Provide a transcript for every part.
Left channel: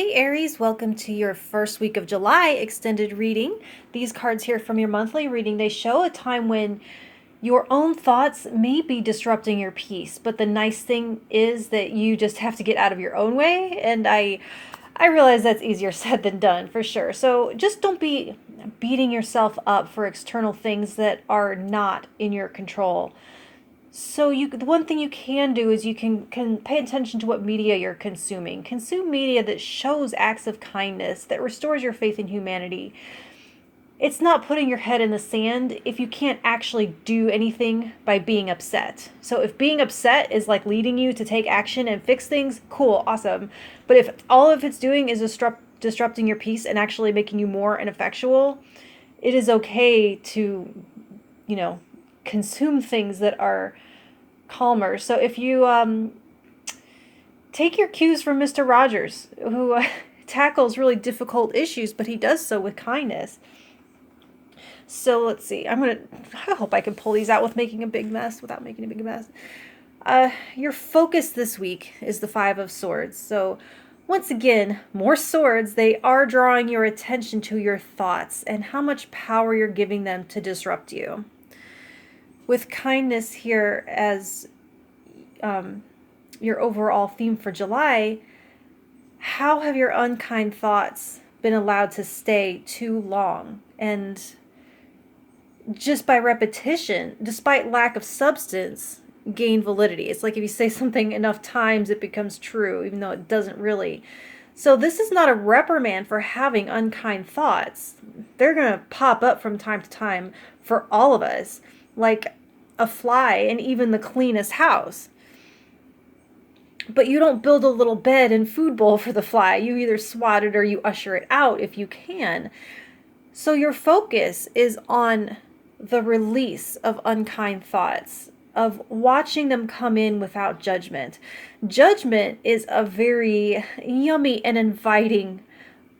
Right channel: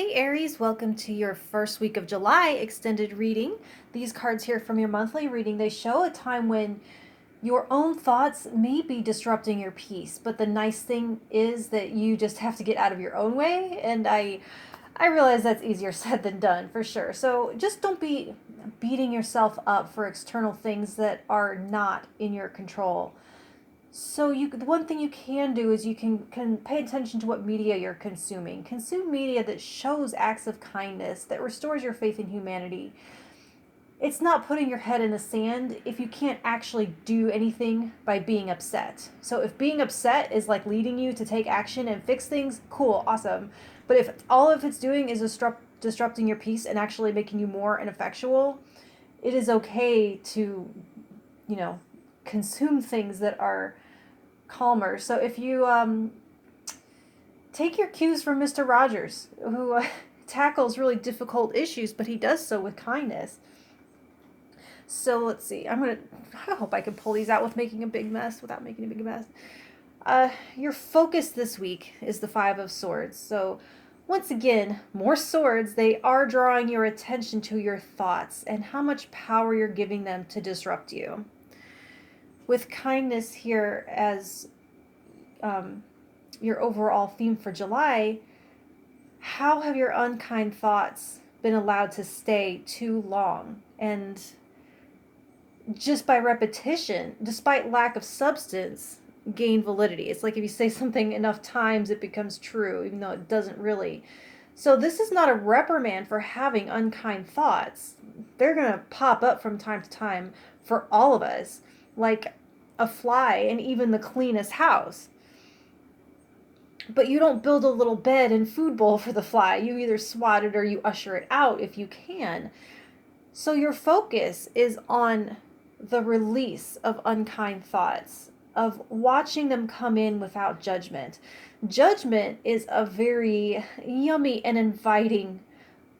Hey Aries, welcome to your first week of July extended reading. These cards here from your monthly reading, they show a time when your own thoughts may be disrupting your peace, but the nice thing is that you just have to get out of your own way, and I realize that's easier said than done for sure. So just don't be beating yourself up for external things that are not in your control. So the one thing you can do is you can pay attention to what media you're consuming. Consume media that shows acts of kindness, that restores your faith in humanity. It's not putting your head in the sand if you can't actually do anything by being upset. So if being upset is like leading you to take action and fix things, cool, awesome. But if all of it's doing is disrupting your peace and actually making you more ineffectual, it is okay to, you know, consume things that are calmer. So if you take your cues from Mr. Rogers, who tackles really difficult issues, but he does so with kindness. So let's see. I hope I can pull these out with making a big mess without making a big mess. Your focus this week is the Five of Swords. So once again, more swords. They are drawing your attention to your thoughts and how much power you're giving them to disrupt you. With kindness here as your overall theme for July, how have your unkind thoughts been allowed to stay too long? And just by repetition, despite lack of substance, gain validity. It's like if you say something enough times, it becomes true, even though it doesn't really. So this is not a reprimand for having unkind thoughts. They're going to pop up from time to time for all of us, like a fly in even the cleanest house. But you don't build a little bed and food bowl for the fly. You either swat it or you usher it out if you can. So your focus is on the release of unkind thoughts, of watching them come in without judgment. Judgment is a very yummy and inviting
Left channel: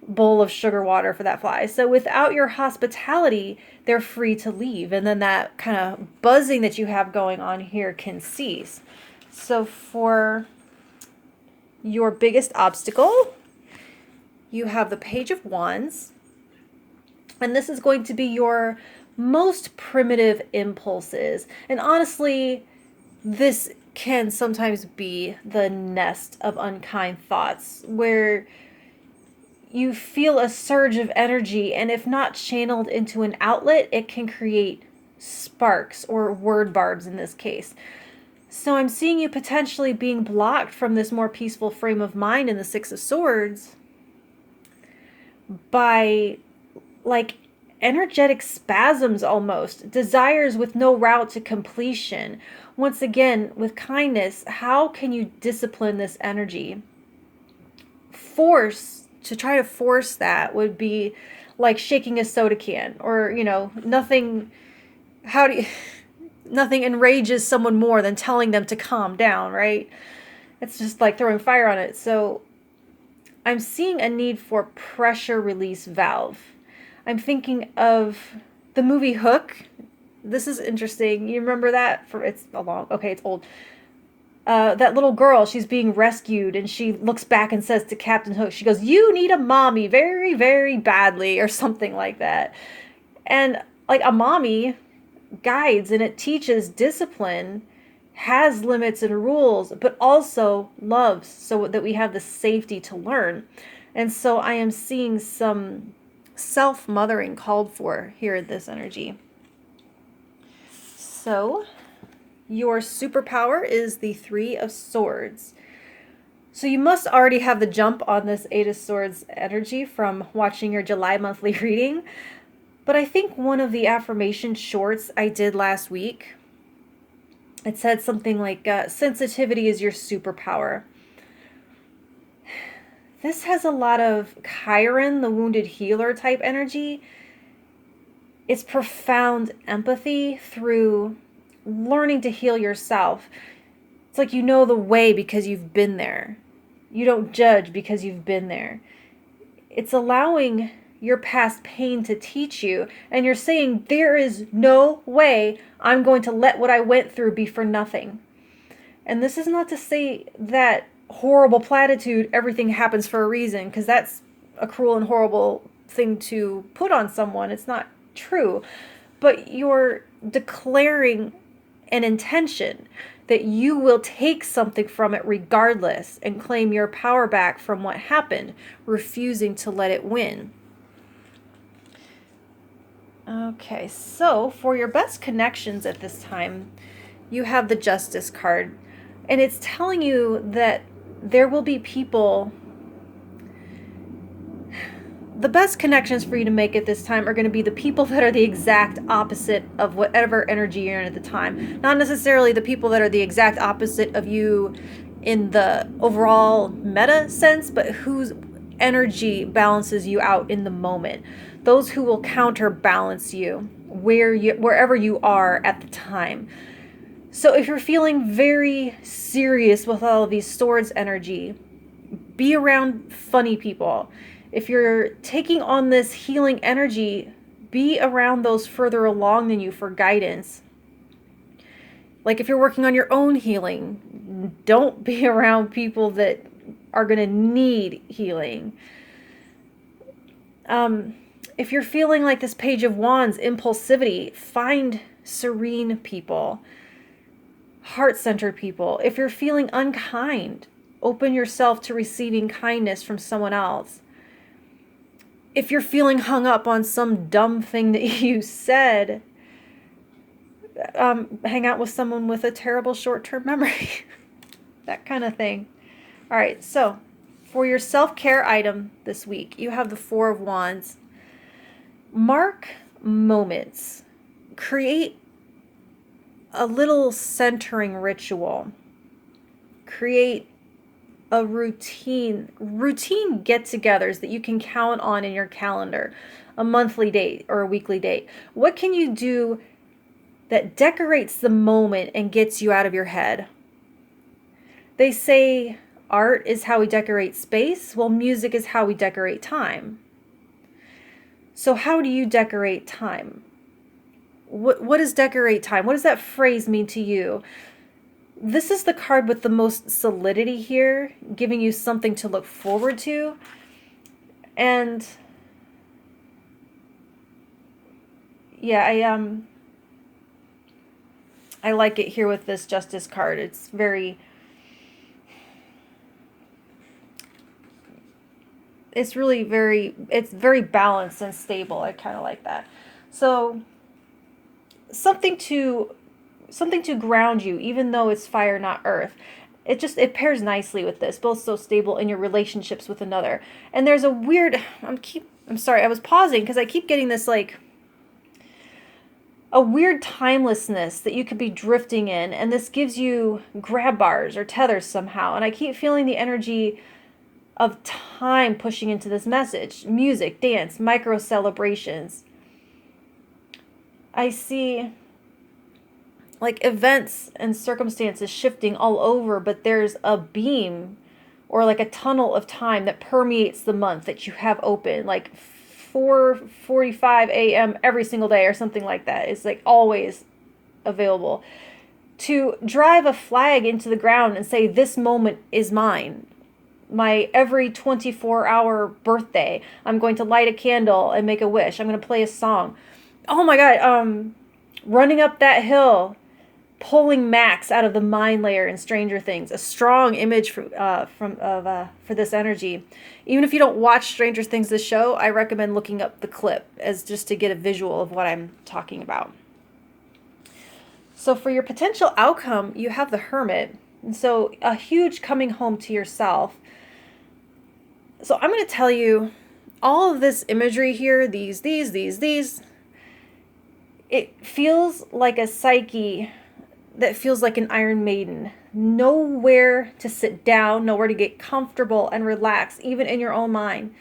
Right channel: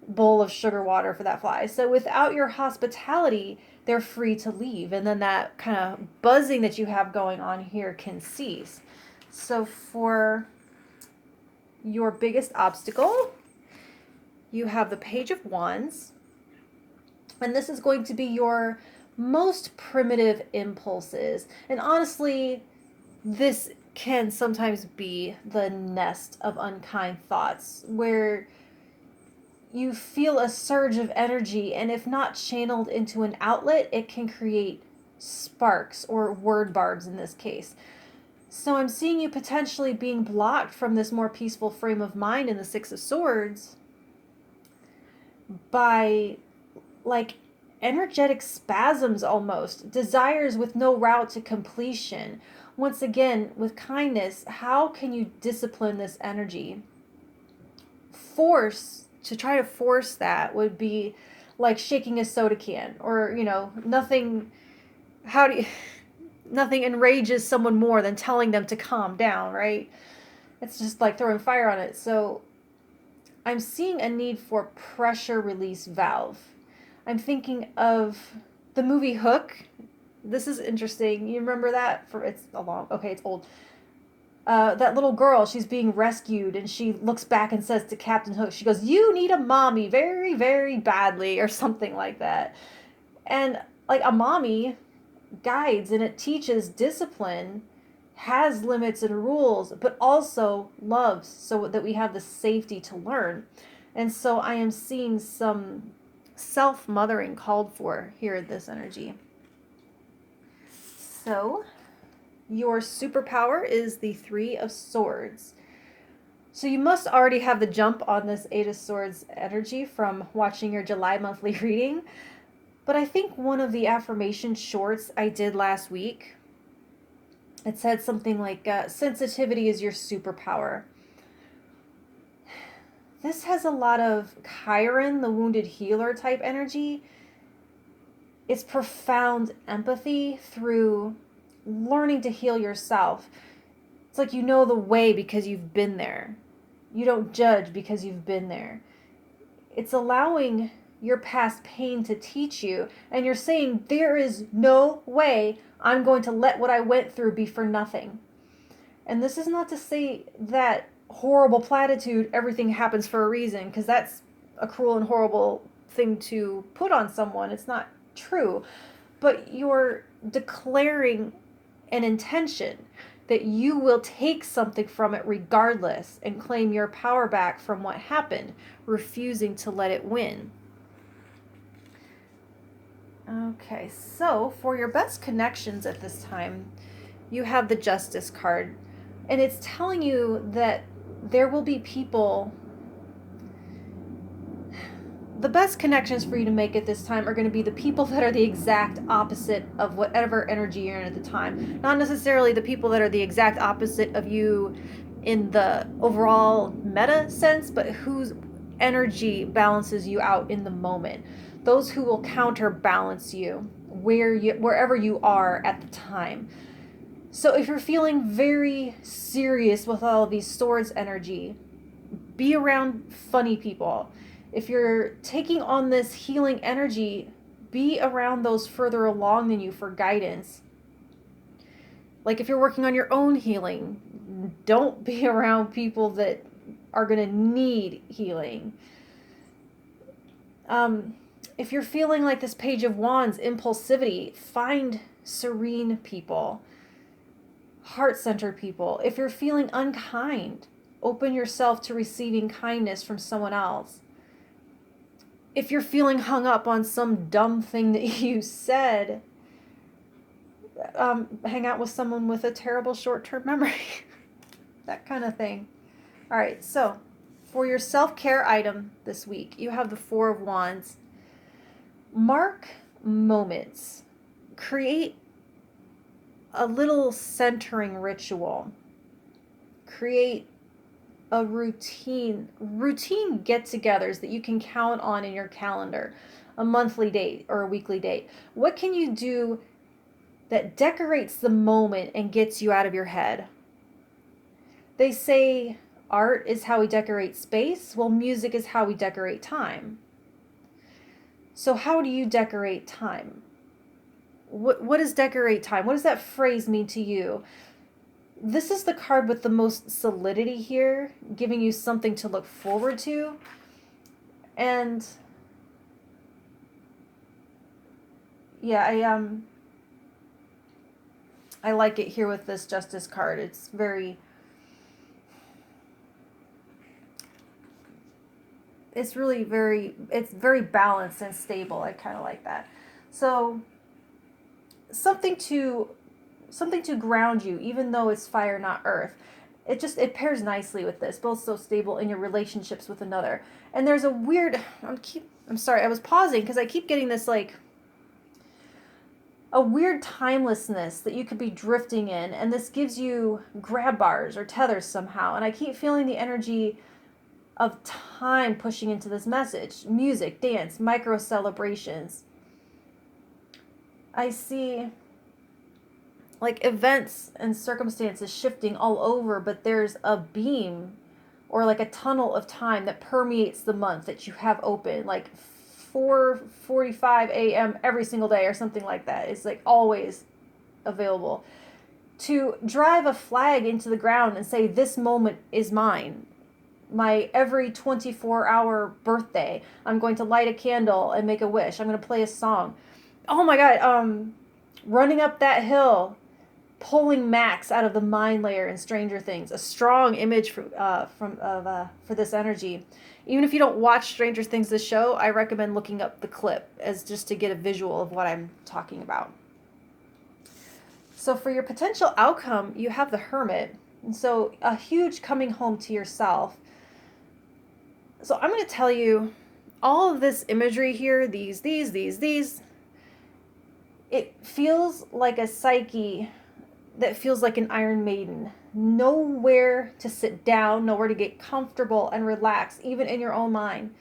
bowl of sugar water for that fly. So without your hospitality, they're free to leave. And then that kind of buzzing that you have going on here can cease. So for your biggest obstacle, you have the Page of Wands. And this is going to be your most primitive impulses. And honestly, this can sometimes be the nest of unkind thoughts where you feel a surge of energy, and if not channeled into an outlet, it can create sparks or word barbs in this case. So I'm seeing you potentially being blocked from this more peaceful frame of mind in the Six of Swords by like energetic spasms almost, desires with no route to completion. Once again, with kindness, how can you discipline this energy? To try to force that would be like shaking a soda can, or, nothing enrages someone more than telling them to calm down, right? It's just like throwing fire on it. So I'm seeing a need for pressure release valve. I'm thinking of the movie Hook. This is interesting. You remember that? It's old. That little girl, she's being rescued, and she looks back and says to Captain Hook, she goes, "You need a mommy very, very badly," or something like that. And like a mommy guides and it teaches discipline, has limits and rules, but also loves, so that we have the safety to learn. And so I am seeing some self-mothering called for here in this energy. So your superpower is the Three of Swords. So you must already have the jump on this Eight of Swords energy from watching your July monthly reading. But I think one of the affirmation shorts I did last week, it said something like, sensitivity is your superpower. This has a lot of Chiron, the wounded healer type energy. It's profound empathy through learning to heal yourself. It's like you know the way because you've been there. You don't judge because you've been there. It's allowing your past pain to teach you, and you're saying, there is no way I'm going to let what I went through be for nothing. And this is not to say that horrible platitude, everything happens for a reason, because that's a cruel and horrible thing to put on someone. It's not true. But you're declaring an intention that you will take something from it regardless and claim your power back from what happened, refusing to let it win. Okay, so for your best connections at this time, you have the Justice card. And it's telling you that there will be people. The best connections for you to make at this time are going to be the people that are the exact opposite of whatever energy you're in at the time. Not necessarily the people that are the exact opposite of you in the overall meta sense, but whose energy balances you out in the moment. Those who will counterbalance you wherever you are at the time. So if you're feeling very serious with all of these swords energy, be around funny people. If you're taking on this healing energy, be around those further along than you for guidance. Like if you're working on your own healing, don't be around people that are going to need healing. If you're feeling like this Page of Wands, impulsivity, find serene people, heart-centered people. If you're feeling unkind, open yourself to receiving kindness from someone else. If you're feeling hung up on some dumb thing that you said, hang out with someone with a terrible short-term memory. That kind of thing. All right, so for your self-care item this week, you have the Four of Wands. Mark moments. Create a little centering ritual. Create a routine get-togethers that you can count on in your calendar, a monthly date or a weekly date. What can you do that decorates the moment and gets you out of your head? They say art is how we decorate space. Well, music is how we decorate time. So how do you decorate time? What does decorate time? What does that phrase mean to you? This is the card with the most solidity here, giving you something to look forward to. And yeah, I like it here with this Justice card. It's very very balanced and stable. I kind of like that. So something to ground you, even though it's fire, not earth. It pairs nicely with this, both so stable in your relationships with another. And there's a weird, I'm sorry, I was pausing because I keep getting this like a weird timelessness that you could be drifting in, and this gives you grab bars or tethers somehow. And I keep feeling the energy of time pushing into this message. Music, dance, micro celebrations. I see like events and circumstances shifting all over, but there's a beam or like a tunnel of time that permeates the month that you have open, like 4:45 a.m. every single day or something like that. It's like always available to drive a flag into the ground and say, this moment is mine. My every 24-hour birthday, I'm going to light a candle and make a wish. I'm going to play a song. Oh my God, running up that hill, pulling Max out of the mind layer in Stranger Things. A strong image for this energy. Even if you don't watch Stranger Things, this show, I recommend looking up the clip as just to get a visual of what I'm talking about. So for your potential outcome, you have the Hermit. And so a huge coming home to yourself. So I'm going to tell you all of this imagery here, these, it feels like a psyche that feels like an Iron Maiden. Nowhere to sit down, nowhere to get comfortable and relax, even in your own mind.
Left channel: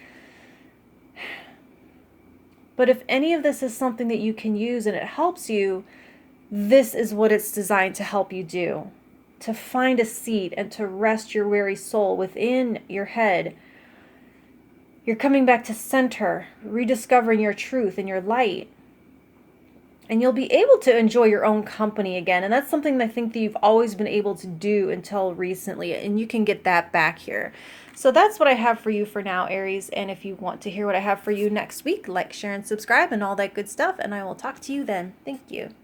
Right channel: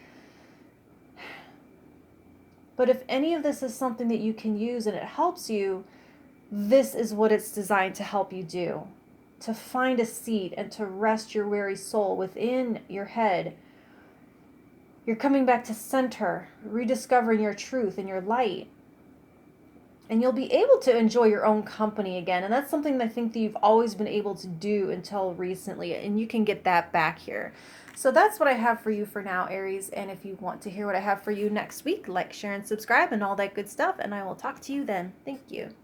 But if any of this is something that you can use and it helps you, this is what it's designed to help you do. To find a seat and to rest your weary soul within your head. You're coming back to center, rediscovering your truth and your light. And you'll be able to enjoy your own company again. And that's something I think that you've always been able to do until recently. And you can get that back here. So that's what I have for you for now, Aries. And if you want to hear what I have for you next week, like, share, and subscribe and all that good stuff. And I will talk to you then. Thank you.